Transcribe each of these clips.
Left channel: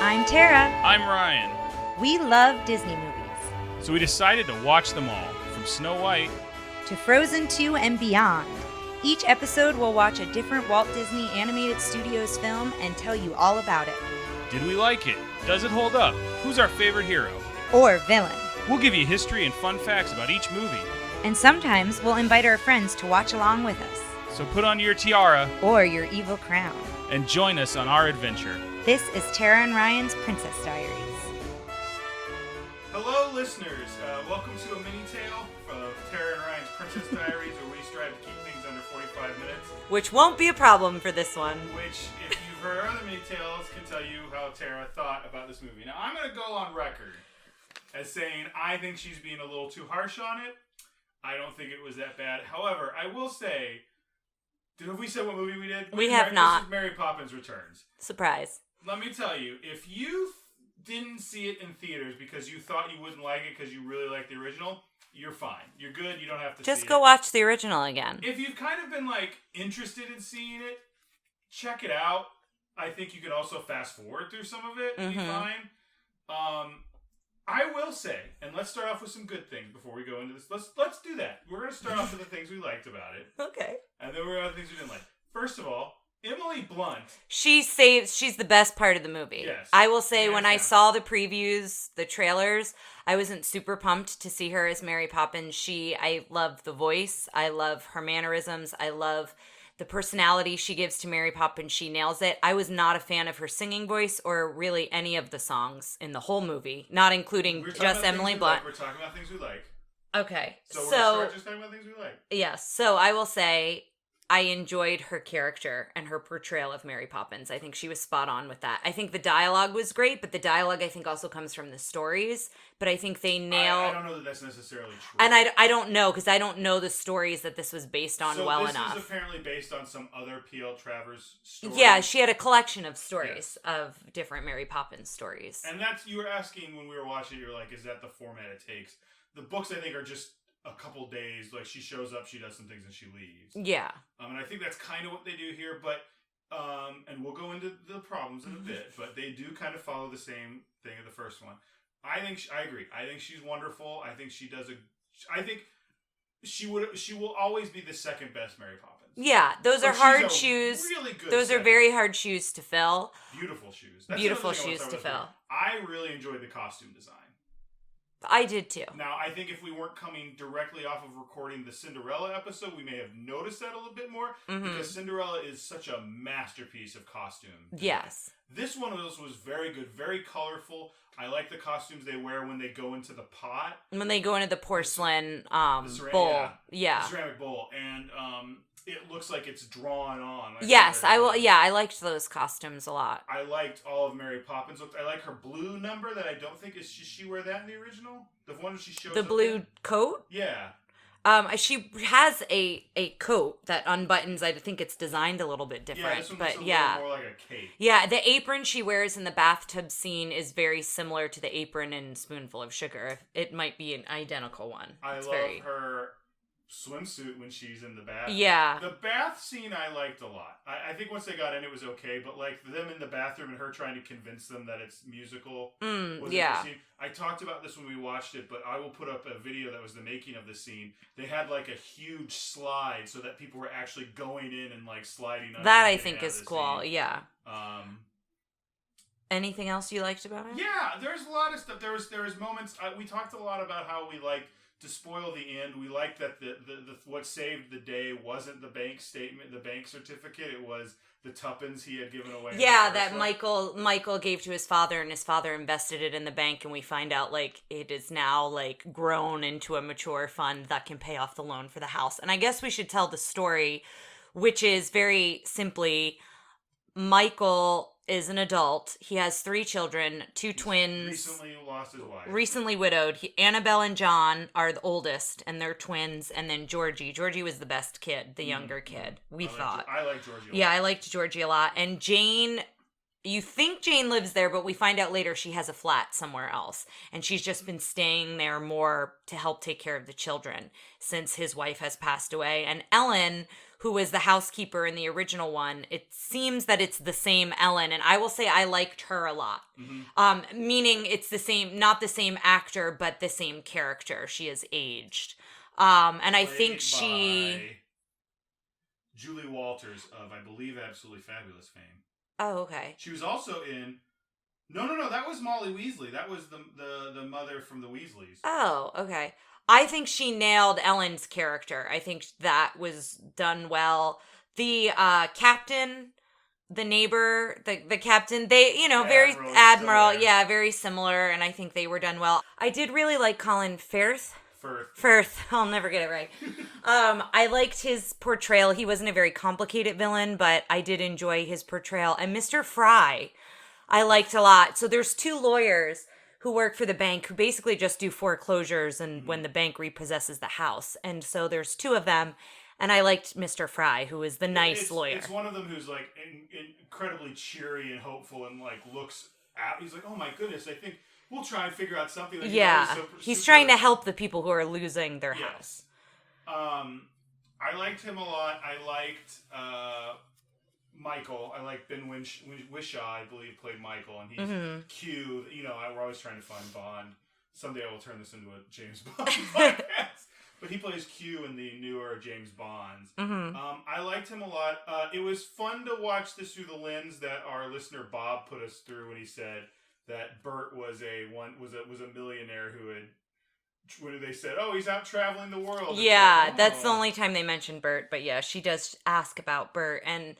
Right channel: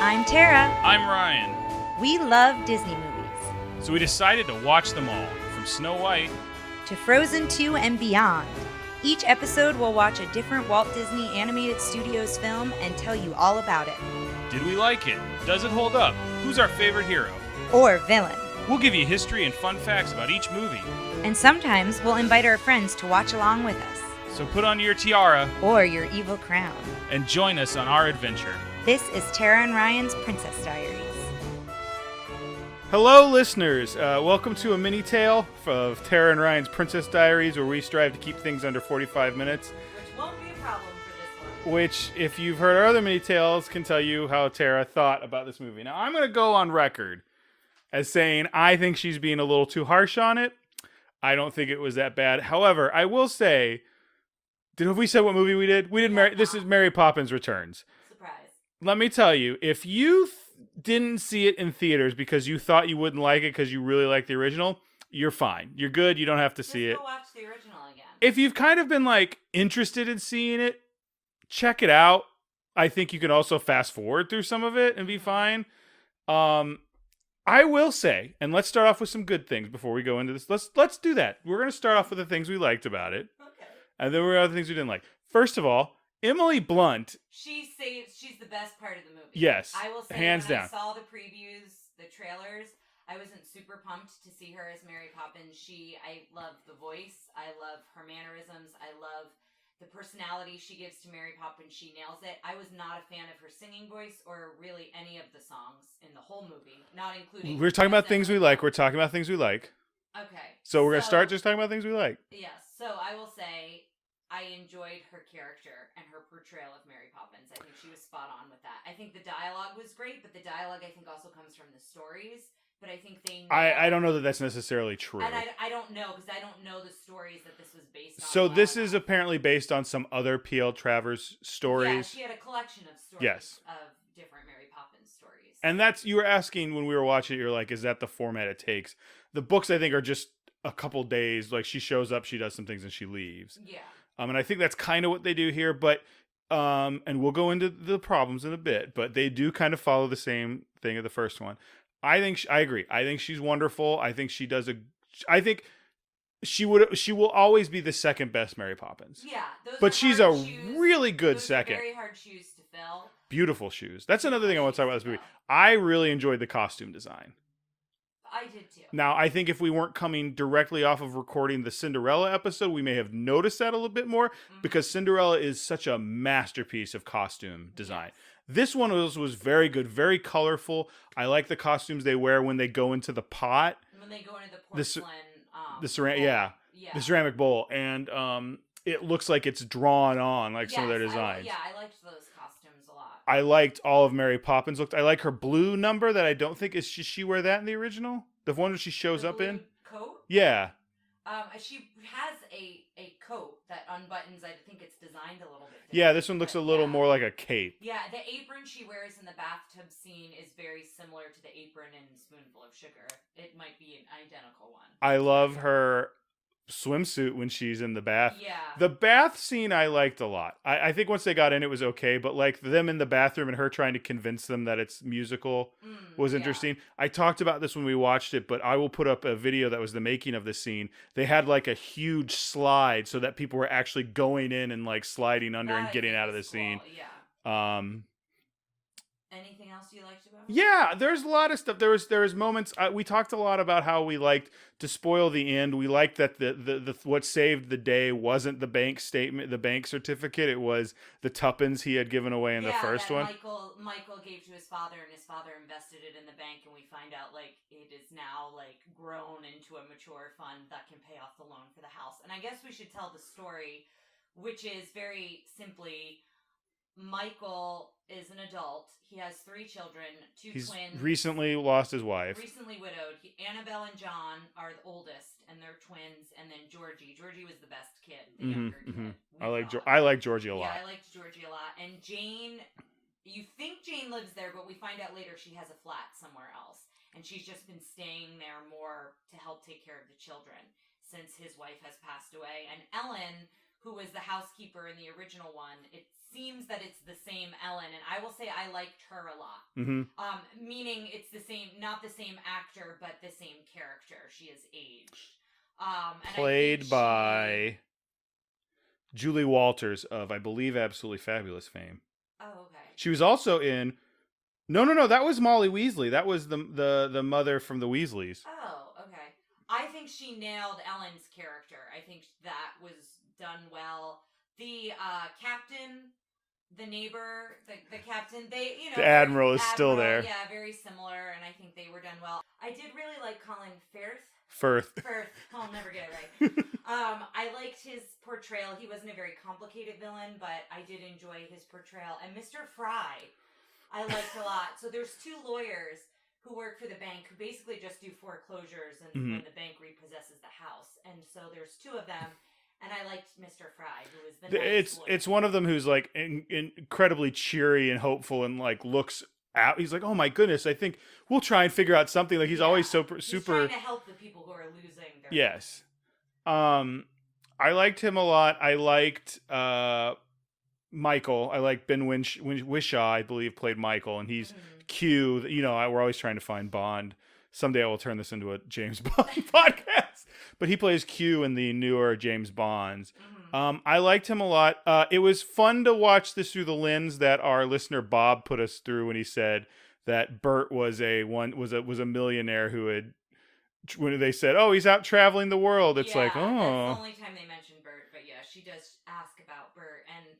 I'm Tara. I'm Ryan. We love Disney movies. So we decided to watch them all, from Snow White to Frozen 2 and beyond. Each episode will watch a different Walt Disney Animated Studios film and tell you all about it. Did we like it? Does it hold up? Who's our favorite hero? Or villain. We'll give you history and fun facts about each movie. And sometimes we'll invite our friends to watch along with us. So put on your tiara or your evil crown and join us on our adventure. This is Tara and Ryan's Princess Diaries. Hello, listeners. Welcome to a MiniTale of Tara and Ryan's Princess Diaries, where we strive to keep things under 45 minutes. Which won't be a problem for this one. Which, if you've heard our other MiniTales, can tell you how Tara thought about this movie. Now, I'm going to go on record as saying I think she's being a little too harsh on it. I don't think it was that bad. However, I will say, have we said what movie we did? We have not. This is Mary Poppins Returns. Surprise. Let me tell you, if you didn't see it in theaters because you thought you wouldn't like it because you really like the original, you're fine. You're good. You don't have to see it. Just go watch the original again. If you've kind of been interested in seeing it, check it out. I think you can also fast forward through some of it and be fine. I will say, and let's start off with some good things before we go into this. Let's do that. We're going to start off with the things we liked about it. Okay. And then we're going to other things we didn't like. First of all, Emily Blunt. She's the best part of the movie. Yes. I will say when down. I saw the previews, the trailers, I wasn't super pumped to see her as Mary Poppins. I love the voice. I love her mannerisms. I love the personality she gives to Mary Poppins. She nails it. I was not a fan of her singing voice or really any of the songs in the whole movie, not including We're talking just about things Emily we Blunt. like. We're talking about things we like. Okay. So we're going to start just talking about things we like. Yes. So I will say I enjoyed her character and her portrayal of Mary Poppins. I think she was spot on with that. I think the dialogue was great, but the dialogue I think also comes from the stories. But I think they nailed... I don't know that that's necessarily true. And I don't know, because I don't know the stories that this was based on well enough. So this is apparently based on some other P.L. Travers stories? Yeah, she had a collection of stories of different Mary Poppins stories. And you were asking when we were watching it, you're like, is that the format it takes? The books, I think, are just a couple days. Like, she shows up, she does some things, and she leaves. Yeah. And I think that's kind of what they do here, but... and we'll go into the problems in a bit, but they do kind of follow the same thing of the first one. I agree. I think she's wonderful. I think she does I think she will always be the second best Mary Poppins. Yeah, those are hard shoes. Really good. Those are very hard shoes to fill. Beautiful shoes. That's another thing I want to talk about this movie. Fill. I really enjoyed the costume design. I did too. Now, I think if we weren't coming directly off of recording the Cinderella episode, we may have noticed that a little bit more because Cinderella is such a masterpiece of costume design. Yes. This one was very good, very colorful. I like the costumes they wear when they go into the pot. When they go into the porcelain bowl. The ceramic bowl. And it looks like it's drawn on. Yes, I liked those costumes a lot. I liked all of Mary Poppins. I like her blue number that I don't think is. She wear that in the original? The one where she shows up in? The blue coat? Yeah. She has a coat that unbuttons. I think it's designed a little bit different. Yeah, this one looks a little more like a cape. Yeah, the apron she wears in the bathtub scene is very similar to the apron in Spoonful of Sugar. It might be an identical one. I love her swimsuit when she's in the bath. Yeah. The bath scene I liked a lot. I think once they got in it was okay, but them in the bathroom and her trying to convince them that it's musical was interesting. I talked about this when we watched it, but I will put up a video that was the making of the scene. They had a huge slide so that people were actually going in and sliding under and getting out of the scene. That I think is cool, yeah. Anything else you liked about it? Yeah, there's a lot of stuff. There was moments. We talked a lot about how we liked to spoil the end. We liked that the what saved the day wasn't the bank statement, the bank certificate. It was the tuppence he had given away in the first one. Yeah, that Michael gave to his father, and his father invested it in the bank, and we find out it is now grown into a mature fund that can pay off the loan for the house. And I guess we should tell the story, which is very simply Michael is an adult. He has 3 children, He's twins. Recently lost his wife. Recently widowed. Annabelle and John are the oldest, and they're twins. And then Georgie. Georgie was the best kid, the younger kid. I like Georgie a lot. Yeah, I liked Georgie a lot. And Jane, you think Jane lives there, but we find out later she has a flat somewhere else. And she's just been staying there more to help take care of the children since his wife has passed away. And Ellen, who was the housekeeper in the original one, it seems that it's the same Ellen, and I will say I liked her a lot. Meaning it's the same, not the same actor, but the same character. She has aged. And I think Played by Julie Walters of, I believe, Absolutely Fabulous fame. Oh, okay. She was also in... No, that was Molly Weasley. That was the mother from the Weasleys. Oh, okay. I think she nailed Ellen's character. I think that was done well. The captain, the neighbor, the captain, they, the very Admiral, yeah, very similar, and I think they were done well. I did really like Colin Firth. I'll never get it right. I liked his portrayal. He wasn't a very complicated villain, but I did enjoy his portrayal. And Mr. Fry, I liked a lot. So there's two lawyers who work for the bank who basically just do foreclosures and when the bank repossesses the house. And so there's two of them. And I liked Mr. Fry, who is the nice lawyer. It's one of them who's like incredibly cheery and hopeful and like looks out. He's like, oh my goodness, I think we'll try and figure out something. Like he's always super... He's trying to help the people who are losing their house. I liked him a lot. I liked Michael. I like Ben Whishaw, I believe, played Michael, and he's Q. We're always trying to find Bond. Someday I will turn this into a James Bond podcast. But he plays Q in the newer James Bonds. I liked him a lot. It was fun to watch this through the lens that our listener Bob put us through when he said that Bert was a millionaire who had... When they said, "Oh, he's out traveling the world," it's that's the only time they mentioned Bert. But yeah, she does ask about Bert. And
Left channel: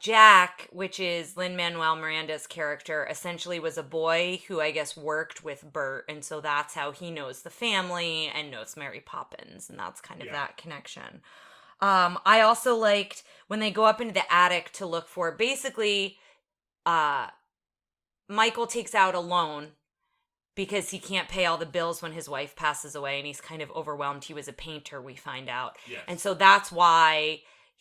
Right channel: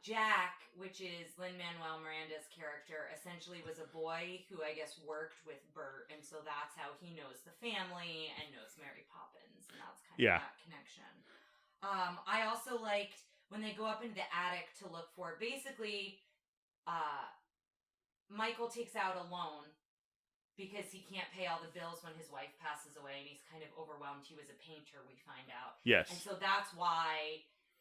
Jack, which is Lin-Manuel Miranda's character, essentially was a boy who I guess worked with Bert, and so that's how he knows the family and knows Mary Poppins, and that's kind of that connection. I also liked when they go up into the attic to look for, basically, Michael takes out a loan because he can't pay all the bills when his wife passes away, and he's kind of overwhelmed. He was a painter, we find out. Yes. And so that's why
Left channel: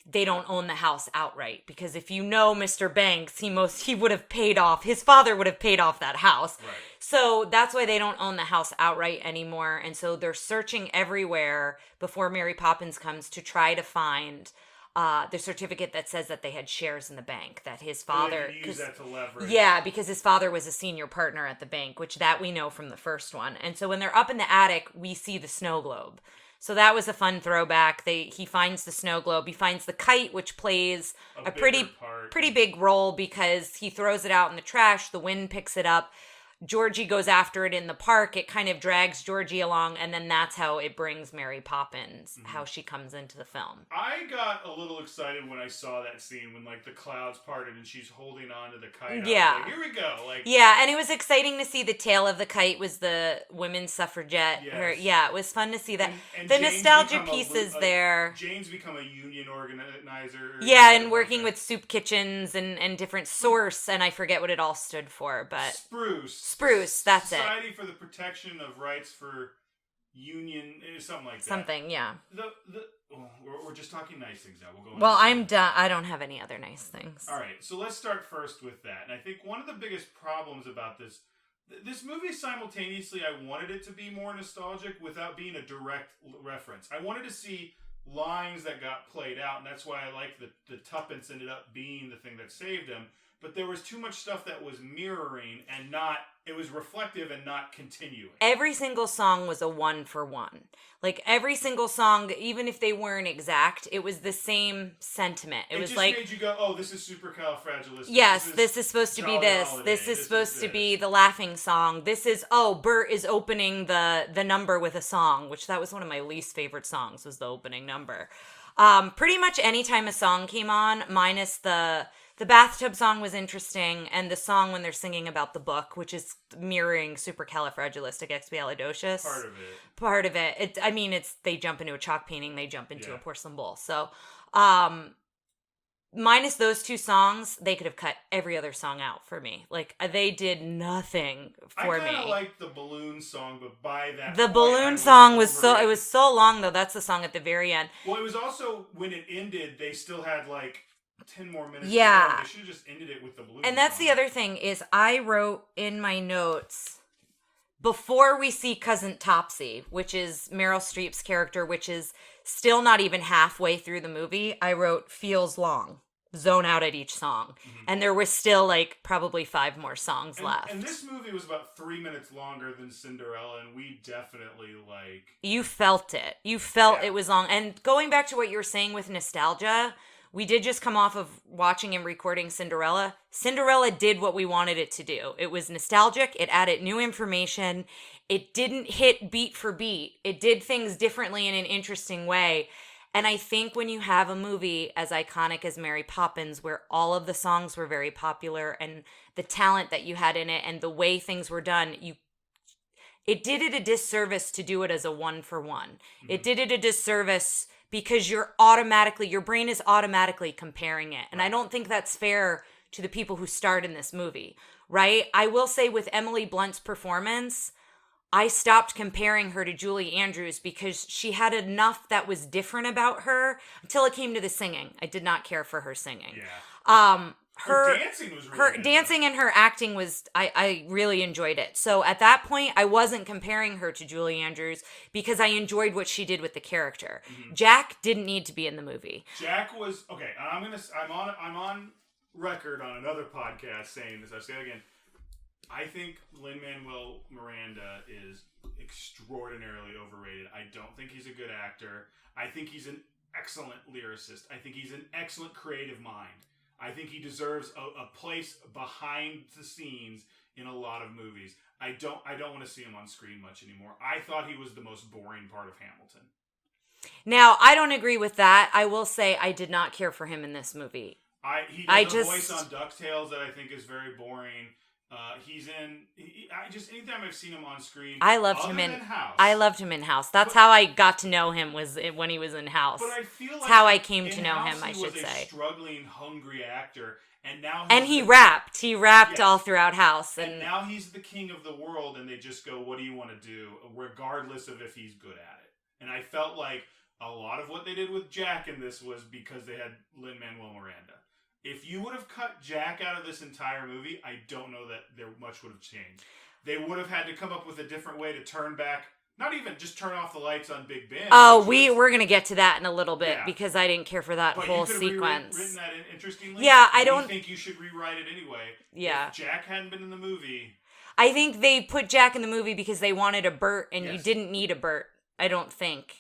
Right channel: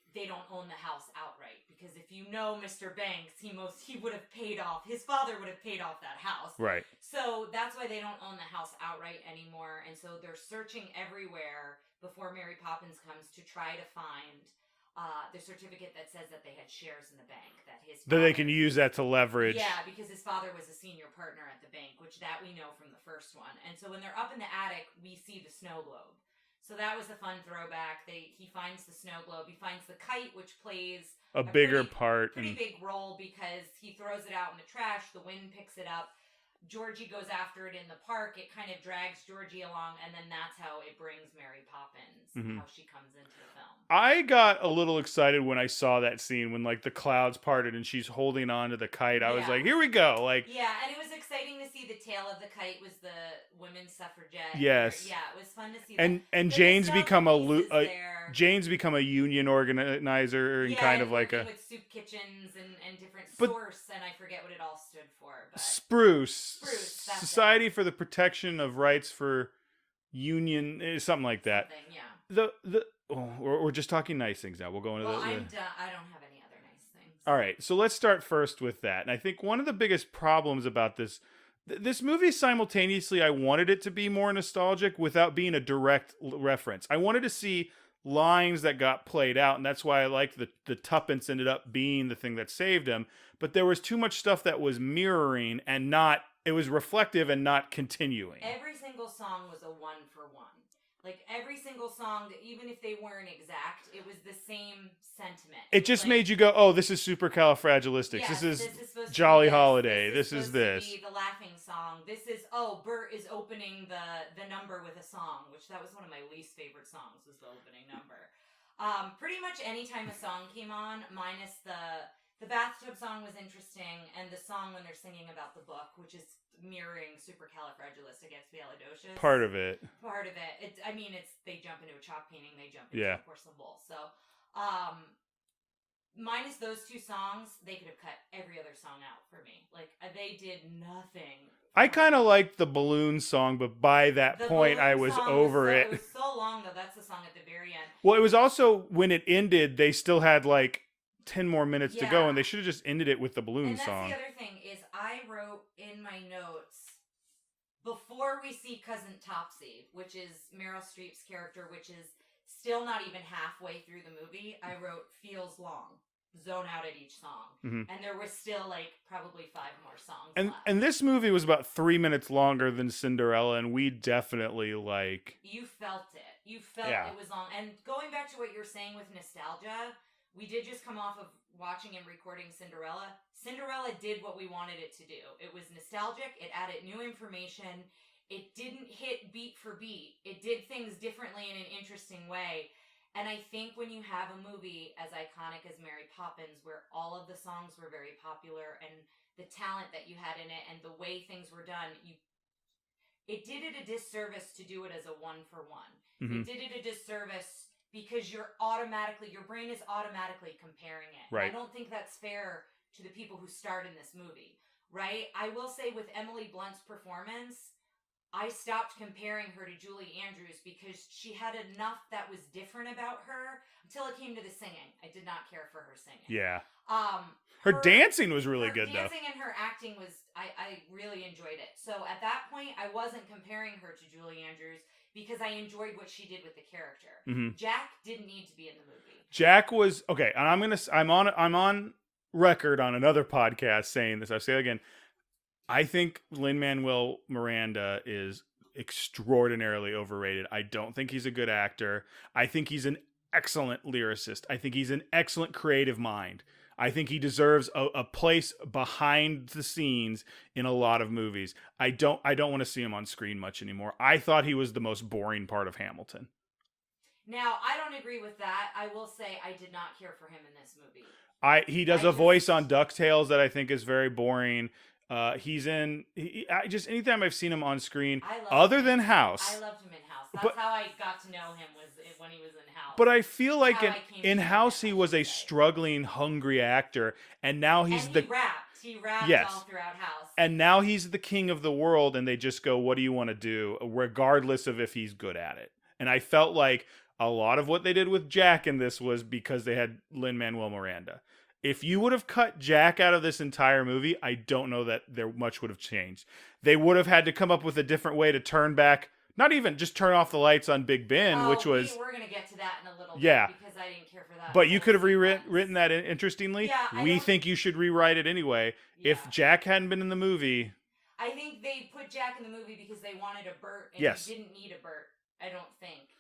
they don't own the house outright, because if you know Mr. Banks, he would have paid off, his father would have paid off that house. Right. So that's why they don't own the house outright anymore, and so they're searching everywhere before Mary Poppins comes to try to find the certificate that says that they had shares in the bank, that his father... But they can use that to leverage. Yeah, because his father was a senior partner at the bank, which that we know from the first one. And so when they're up in the attic, we see the snow globe. So that was a fun throwback. He finds the snow globe. He finds the kite, which plays a pretty big role because he throws it out in the trash. The wind picks it up. Georgie goes after it in the park. It kind of drags Georgie along, and then that's how it brings Mary Poppins, how she comes into the film. I got a little excited when I saw that scene when like the clouds parted and she's holding on to the kite. I was like, here we go. And it was exciting to see the tail of the kite was the women's suffragette. Yes. It was fun to see that. And the Jane's nostalgia pieces there. Jane's become a union organizer. And working with soup kitchens and different source, and I forget what it all stood for, but Spruce, that's Society for the Protection of Rights for Union, something like that. Something, yeah. We're just talking nice things now. We'll go into I'm done. I don't have any other nice things. All right, so let's start first with that. And I think one of the biggest problems about this movie, simultaneously, I wanted it to be more nostalgic without being a direct reference. I wanted to see lines that got played out, and that's why I liked the tuppence ended up being the thing that saved him. But there was too much stuff that was mirroring and not... It was reflective and not continuing. Every single song was a 1-for-1. Like, every single song, even if they weren't exact, it was the same sentiment. It just made you go, oh, this is supercalifragilistic. Yes, this is supposed to be this. Holiday. This is supposed to be the laughing song. This is, Bert is opening the number with a song, which that was one of my least favorite songs, was the opening number. Pretty much any time a song came on, minus the bathtub song was interesting, and the song when they're singing about the book, which is mirroring supercalifragilisticexpialidocious. Part of it. It's they jump into a chalk painting, they jump into a porcelain bowl. So, minus those two songs, they could have cut every other song out for me. Like, they did nothing for me. I kind of liked the balloon song, but by that point, I was over it. It was so long, though. That's the song at the very end. Well, it was also, when it ended, they still had, 10 more minutes to go, and they should have just ended it with the balloon song. And that's the other thing, is I wrote in my notes, before we see Cousin Topsy, which is Meryl Streep's character, which is still not even halfway through the movie, I wrote feels long. Zone out at each song. And there was still like probably 5 more songs left. And this movie was about 3 minutes longer than Cinderella, and we definitely like... You felt it. You felt it was long. And going back to what you were saying with nostalgia, we did just come off of watching and recording Cinderella. Cinderella did what we wanted it to do. It was nostalgic. It added new information. It didn't hit beat for beat. It did things differently in an interesting way. And I think when you have a movie as iconic as Mary Poppins, where all of the songs were very popular and the talent that you had in it and the way things were done, it did it a disservice to do it as a 1-for-1. It did it a disservice because your brain is automatically comparing it. And I don't think that's fair to the people who starred in this movie, right? I will say with Emily Blunt's performance, I stopped comparing her to Julie Andrews because she had enough that was different about her until it came to the singing. I did not care for her singing. Yeah. Her dancing was really good. Her dancing and her acting was, I really enjoyed it. So at that point, I wasn't comparing her to Julie Andrews because I enjoyed what she did with the character. Jack didn't need to be in the movie. Jack was, okay, and I'm on record on another podcast saying this. I'll say it again. I think Lin-Manuel Miranda is extraordinarily overrated. I don't think he's a good actor. I think he's an excellent lyricist. I think he's an excellent creative mind. I think he deserves a place behind the scenes in a lot of movies. I don't want to see him on screen much anymore. I thought he was the most boring part of Hamilton. Now, I don't agree with that. I will say I did not care for him in this movie. He does a voice on DuckTales that I think is very boring. He's in. Anytime I've seen him on screen, I loved him than House. I loved him in House. That's how I got to know him, was when he was in House. But I feel like how I came to know House him, he was a struggling, hungry actor, and now he rapped. He rapped all throughout House. And now he's the king of the world, and they just go, "What do you want to do?" Regardless of if he's good at it. And I felt like a lot of what they did with Jack in this was because they had Lin-Manuel Miranda. If you would have cut Jack out of this entire movie, I don't know that there much would have changed. They would have had to come up with a different way to turn back, not even just turn off the lights on Big Ben. Oh, we're going to get to that in a little bit because I didn't care for that But whole you could have sequence. rewritten that interestingly. Yeah, I think you should rewrite it anyway. Yeah. If Jack hadn't been in the movie... I think they put Jack in the movie because they wanted a Bert, and you didn't need a Bert, I don't think.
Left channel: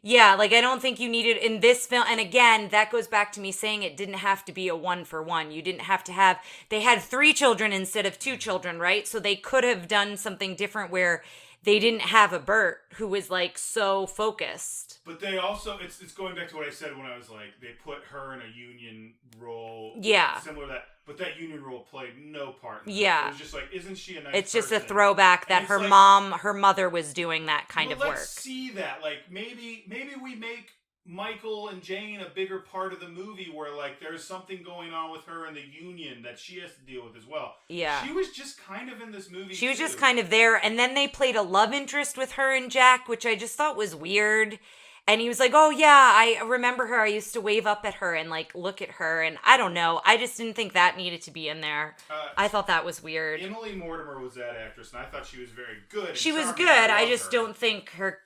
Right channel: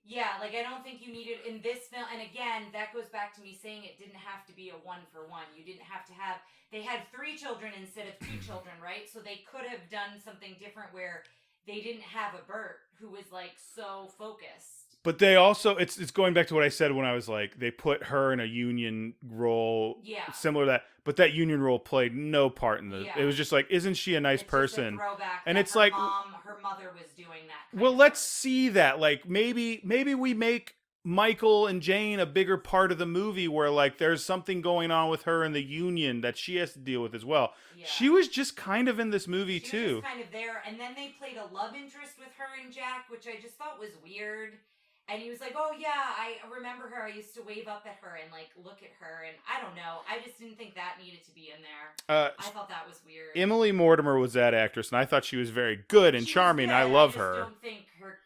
Yeah, like I don't think you needed in this film. And again, that goes back to me saying it didn't have to be a 1-for-1. You didn't have to have, they had 3 children instead of 2 children, right? So they could have done something different where they didn't have a Bert who was like so focused. But they also, it's going back to what I said when I was like, they put her in a union role. Yeah. Similar to that. But that union role played no part in this. Yeah. It was just like, isn't she a nice person? It's just a throwback that her mother was doing that kind of work. Well, let's see that. Like, maybe we make Michael and Jane a bigger part of the movie where, like, there's something going on with her in the union that she has to deal with as well. Yeah. She was just kind of in this movie, She was just kind of there. And then they played a love interest with her and Jack, which I just thought was weird. And he was like, oh, yeah, I remember her. I used to wave up at her and, like, look at her. And I don't know. I just didn't think that needed to be in there. I thought that was weird. Emily Mortimer was that actress, and I thought she was very good and charming. She was good. I just don't think her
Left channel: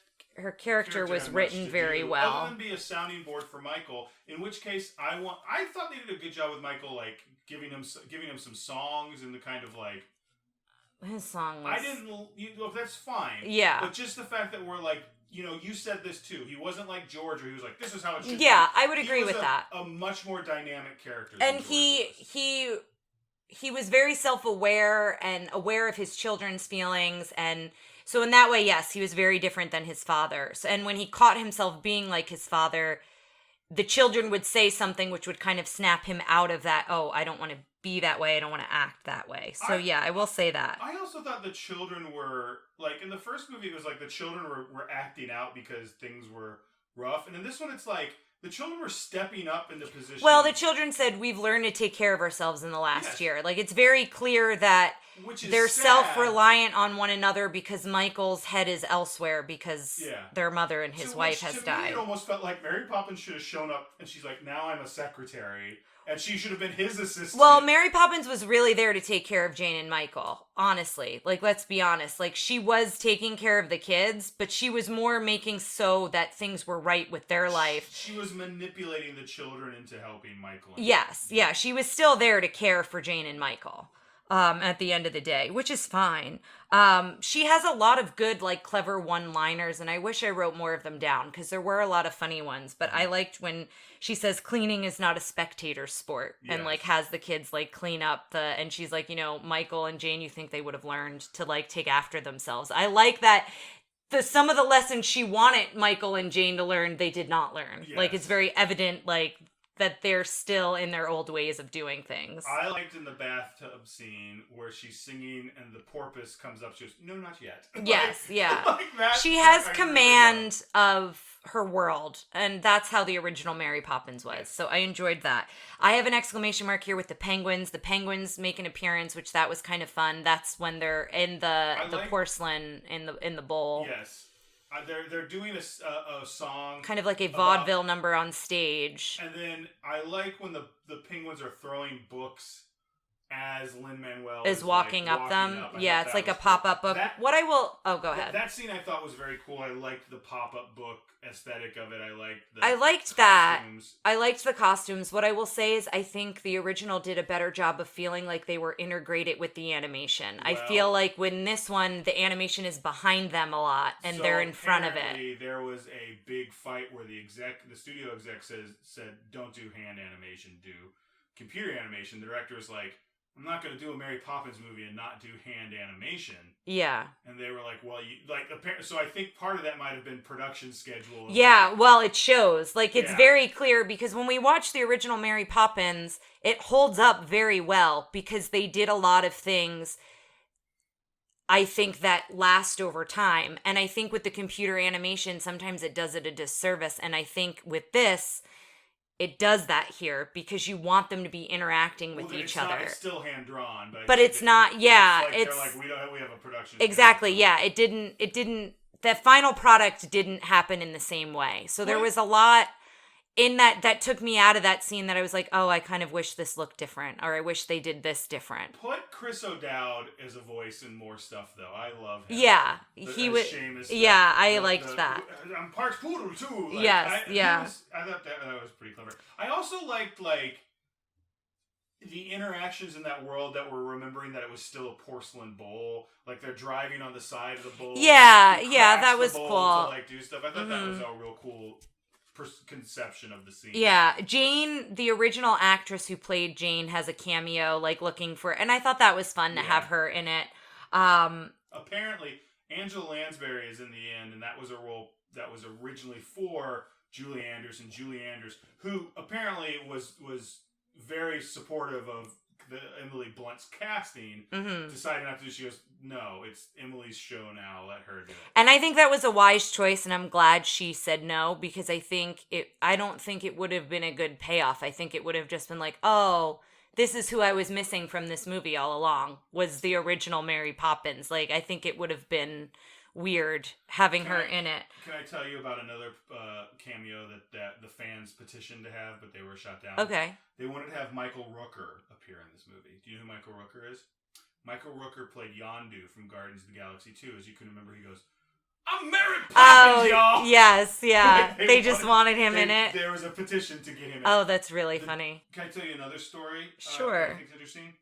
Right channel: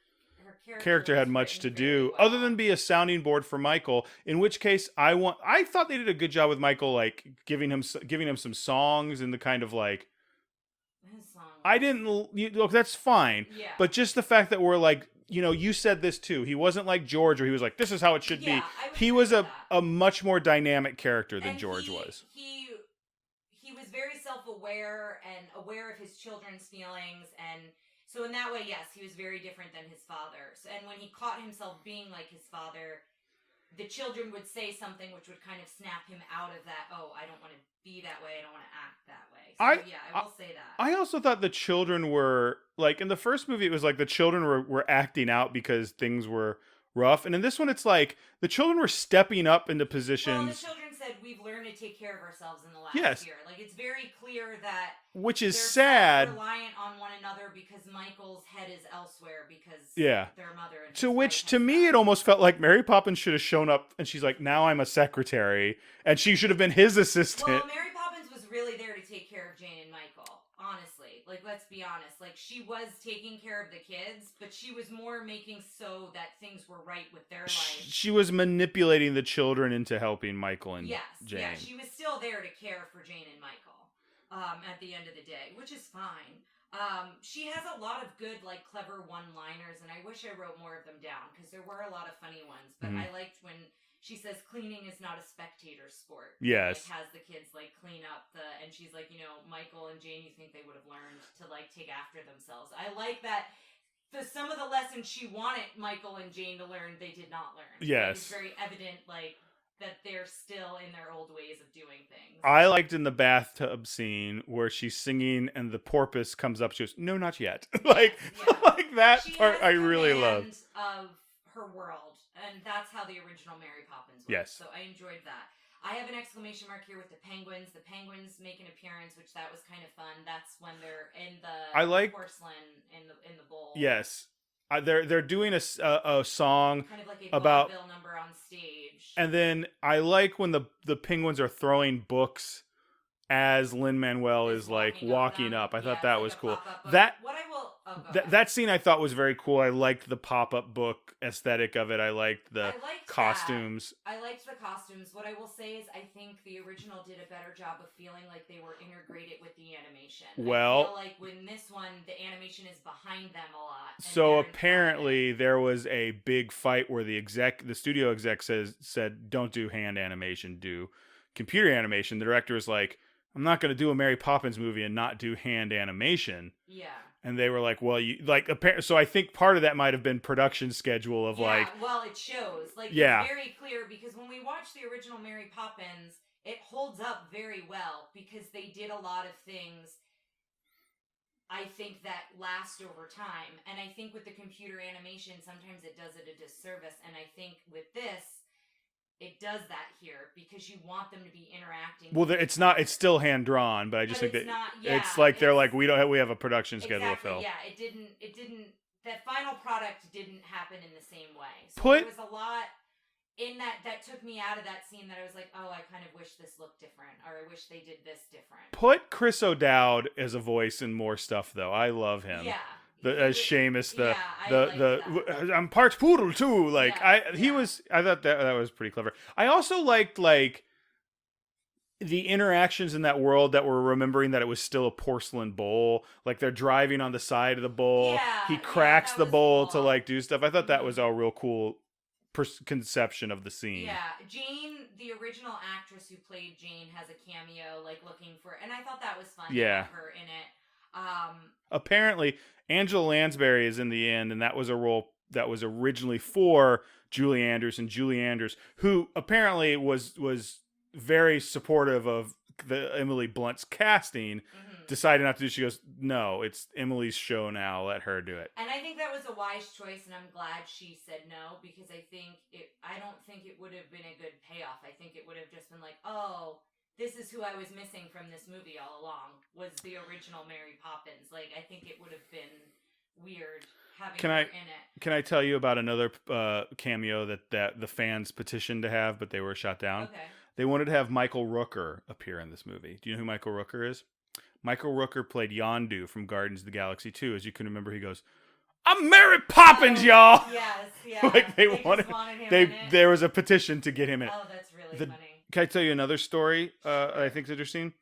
character was had much written to very do, well. other than be a sounding board for Michael. In which case, I thought they did a good job with Michael, like, giving him some songs and the kind of, like... His songs. Look, that's fine. Yeah. But just the fact that we're, like... You know, you said this too. He wasn't like George, where he was like, "This is how it should be." Yeah, I would agree with that. He was a much more dynamic character than George was. He was very self-aware and aware of his children's feelings, and so in that way, yes, he was very different than his father. And when he caught himself being like his father, the children would say something which would kind of snap him out of that. Oh, I don't want to be that way. I don't want to act that way. So I will say that. I also thought the children were, like, in the first movie, it was like the children were acting out because things were rough. And in this one, it's like the children were stepping up into positions. Well, the children said, we've learned to take care of ourselves in the last year. Like, it's very clear that they're self-reliant on one another because Michael's head is elsewhere because their mother and his wife has died. To me, it almost felt like Mary Poppins should have shown up and she's like, now I'm a secretary. And she should have been his assistant. Well, Mary Poppins was really there to take care of Jane and Michael. honestly. Like, let's be honest. Like, she was taking care of the kids, but she was more making so that things were right with their life. She was manipulating the children into helping Michael and Yes, Jane. yeah. She was still there to care for Jane and Michael at the end of the day, which is fine. She has a lot of good, like, clever one-liners, and I wish I wrote more of them down, because there were a lot of funny ones, but I liked when she says cleaning is not a spectator sport, and, like, has the kids, like, clean up and she's like, you know, Michael and Jane, you think they would have learned to, like, take after themselves. I like that some of the lessons she wanted Michael and Jane to learn, they did not learn. Yes. Like, it's very evident, like, that they're still in their old ways of doing things. I liked in the bathtub scene where she's singing and the porpoise comes up. She goes, "No, not yet." Yes, yeah. Like that. She has command of her world, and that's how the original Mary Poppins was. Yes. So I enjoyed that. I have an exclamation mark here with the penguins. The penguins make an appearance, which that was kind of fun. That's when they're in the porcelain in the bowl. Yes. They're doing a song, kind of like a vaudeville number on stage. And then I like when the penguins are throwing books as Lin-Manuel is walking up. I thought that it's like was a cool. pop-up book. Go ahead. That scene I thought was very cool. I liked the pop-up book aesthetic of it. I liked the costumes. I liked the costumes. What I will say is I think the original did a better job of feeling like they were integrated with the animation. I feel like when this one, the animation is behind them a lot, and they're in front of it. So apparently there was a big fight where the studio exec said, "Don't do hand animation, do computer animation." The director was like, "I'm not going to do a Mary Poppins movie and not do hand animation." Yeah. And they were like, "Well, so I think part of that might have been production schedule of well, it shows. Like, it's very clear, because when we watch the original Mary Poppins, it holds up very well, because they did a lot of things, I think, that last over time. And I think with the computer animation, sometimes it does it a disservice. And I think with this, it does that here, because you want them to be interacting with each other. It's still hand drawn, but it's not. Yeah, it's like they're like, we have a production schedule. Exactly. Yeah, it didn't. That final product didn't happen in the same way. So there was a lot in that took me out of that scene that I was like, oh, I kind of wish this looked different, or I wish they did this different. Put Chris O'Dowd as a voice in more stuff, though. I love him. Yeah. Seamus. I liked that. I'm part poodle, too. Like, yes, I thought that was pretty clever. I also liked, like, the interactions in that world that were remembering that it was still a porcelain bowl. Like, they're driving on the side of the bowl. Yeah, he cracks that was the bowl cool. to, like, do stuff. I thought that was a real cool conception of the scene. Yeah, Jane, the original actress who played Jane, has a cameo, like, looking for, and I thought that was fun to have her in it. Apparently, Angela Lansbury is in the end, and that was a role that was originally for Julie Andrews, and Julie Andrews, who apparently was very supportive of the Emily Blunt's casting, decided not to do. She goes, "No, it's Emily's show now. Let her do it." And I think that was a wise choice, and I'm glad she said no, because I don't think it would have been a good payoff. I think it would have just been like, oh, this is who I was missing from this movie all along, was the original Mary Poppins. Like, I think it would have been weird having her in it. Can I tell you about another cameo that the fans petitioned to have, but they were shut down? Okay. They wanted to have Michael Rooker appear in this movie. Do you know who Michael Rooker is? Michael Rooker played Yondu from Guardians of the Galaxy 2. As you can remember, he goes, "I'm Mary Poppins, y'all!" Yes, yeah. Like they just wanted him in it. There was a petition to get him in. Oh, that's really funny. Can I tell you another story? Sure. I think is interesting.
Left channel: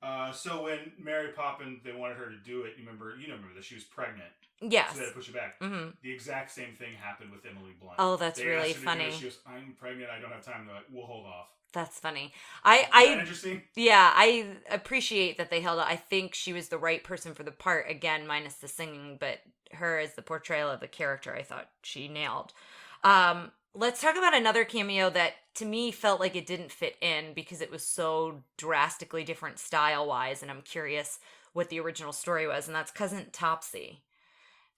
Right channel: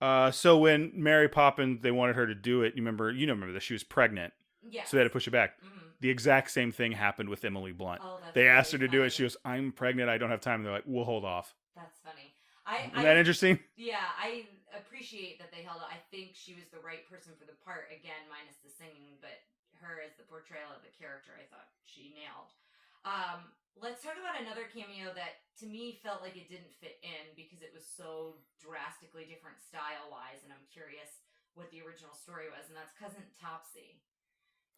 So when Mary Poppins, they wanted her to do it. You remember that she was pregnant. Yes. So they had to push it back. Mm-hmm. The exact same thing happened with Emily Blunt. Oh, that's they really asked her to funny. do it. She goes, "I'm pregnant. I don't have time." And they're like, "We'll hold off." That's funny. Is that interesting? Yeah, I appreciate that they held out. I think she was the right person for the part, again, minus the singing, but her as the portrayal of the character, I thought she nailed. Let's talk about another cameo that, to me, felt like it didn't fit in because it was so drastically different style-wise, and I'm curious what the original story was, and that's Cousin Topsy.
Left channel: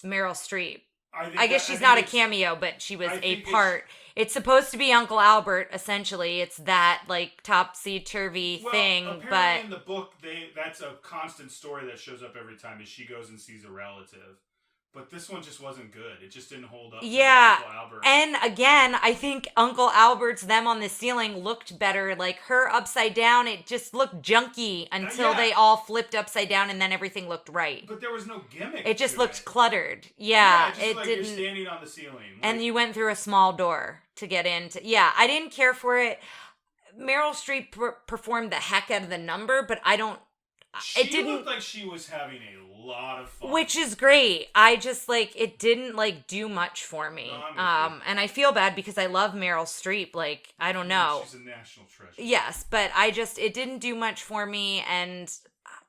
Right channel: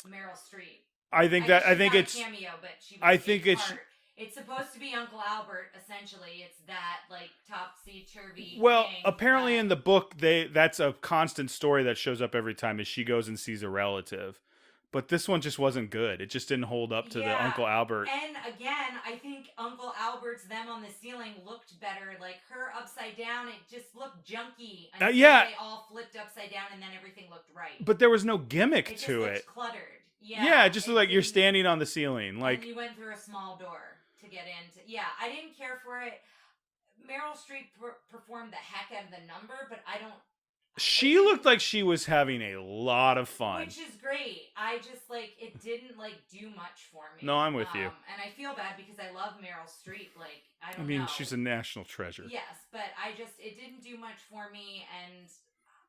Meryl Streep. I guess she's not a cameo, but she was a part. It's supposed to be Uncle Albert, essentially. It's that, like, topsy-turvy thing. Well, apparently in the book, that's a constant story that shows up every time, is she goes and sees a relative. But this one just wasn't good. It just didn't hold up to the Yeah. Uncle Albert. And again, I think Uncle Albert's them on the ceiling looked better. Like her upside down, it just looked junky until they all flipped upside down and then everything looked right. But there was no gimmick. It just looked cluttered. Yeah, it just looked like you're standing on the ceiling. Like, and you went through a small door to get into. Yeah, I didn't care for it. Meryl Streep performed the heck out of the number, but I don't. She looked like she was having a lot of fun. Which is great. I just, like, it didn't, like, do much for me. No, I'm with you. And I feel bad because I love Meryl Streep. Like, I don't know. She's a national treasure. Yes, but it didn't do much for me, and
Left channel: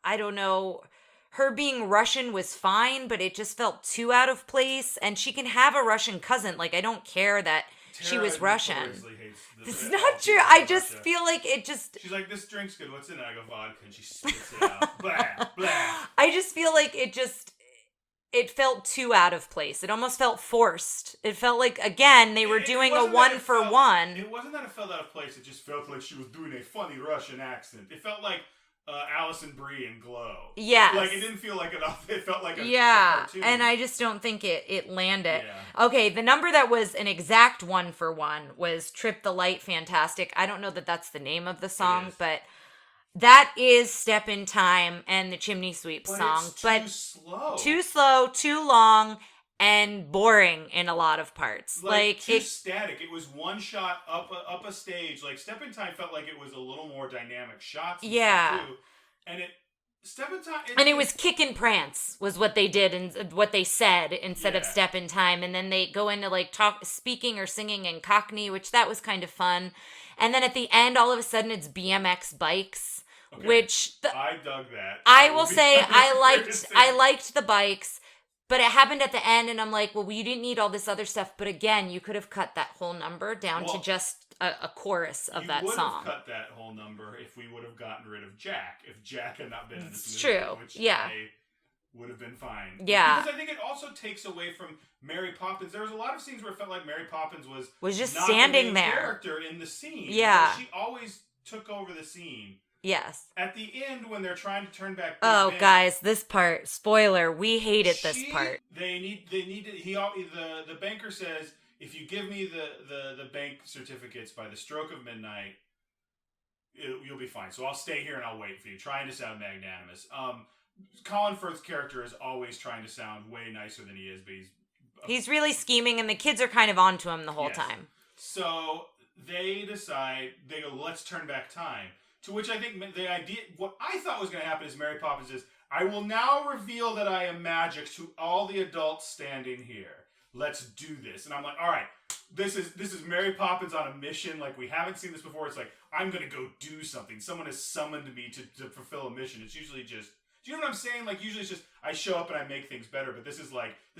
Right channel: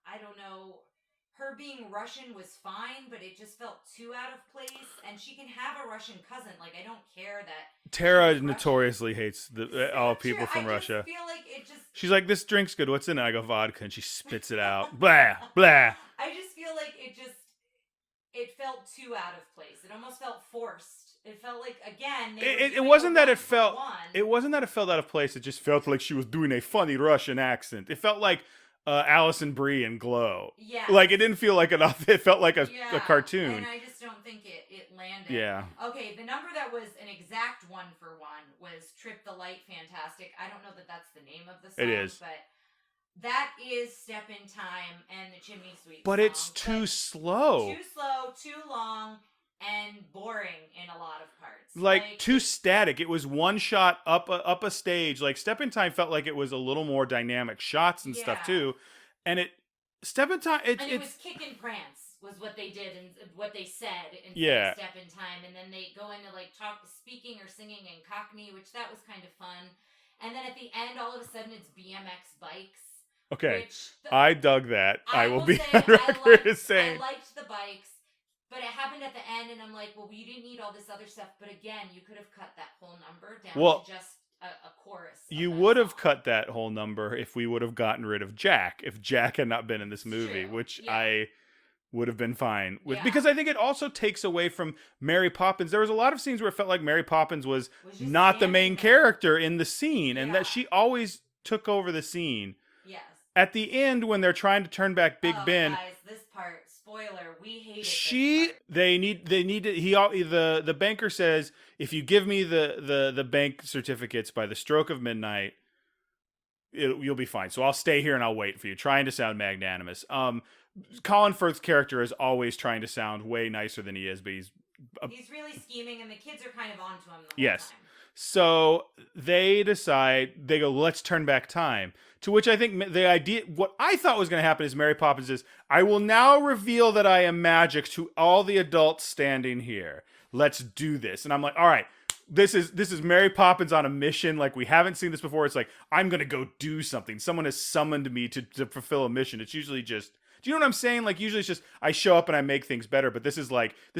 I don't know. Her being Russian was fine, but it just felt too out of place, and she can have a Russian cousin. Like, I don't care that Tara she was Russian. notoriously hates It's all not true. people I from just Russia. feel like it just... She's like, this drink's good. What's in it? I go, vodka. And she spits it out. Blah, blah. I just feel like it felt too out of place. It almost felt forced. It felt like, again, they were doing a one-for-one. It wasn't that it felt out of place. It just felt like she was doing a funny Russian accent. It felt like Alison Brie in Glow. Yeah. Like, it didn't feel like it felt like a cartoon. And I just don't think it landed. Yeah. Okay, the number that was an exact one-for-one was Trip the Light Fantastic. I don't know that that's the name of the song, but that is Step in Time and the Chimney Sweep song. But it's too slow. Too slow, too long, and boring in a lot of parts. Like too static. It was one shot up a stage. Like Step in Time felt like it was a little more dynamic shots and stuff too. And Step in Time... it was kick and prance was what they did and what they said instead of Step in Time. And then they go into like speaking or singing in Cockney, which that was kind of fun. And then at the end, all of a sudden, it's BMX bikes. Okay. Which I dug that. I will say I liked the bikes. But it happened at the end, and I'm like, well, you didn't need all this other stuff. But again, you could have cut that whole number down to just a chorus of that song. You would have cut that whole number if we would have gotten rid of Jack. If Jack had not been in this movie, which I would have been fine with. Yeah. Because I think it also takes away from Mary Poppins. There was a lot of scenes where it felt like Mary Poppins was just not the main there. character in the scene. Yeah. And that she always took over the scene. Yes. At the end, when they're trying to turn back Big Ben. Oh, guys, this part, spoiler, we hated this part. They need to, the banker says, if you give me the bank certificates by the stroke of midnight, you'll be fine. So I'll stay here and I'll wait for you, trying to sound magnanimous. Colin Firth's character is always trying to sound way nicer than he is, but he's really scheming, and the kids are kind of onto him the whole time. So they go, let's turn back time. To which I think what I thought was going to happen is Mary Poppins says, I will now reveal that I am magic to all the adults standing here. Let's do this. And I'm like, all right, this is Mary Poppins on a mission. Like, we haven't seen this before. It's like, I'm going to go do something. Someone has summoned me to fulfill a mission. It's usually just, do you know what I'm saying? Like, usually it's just, I show up and I make things better. But this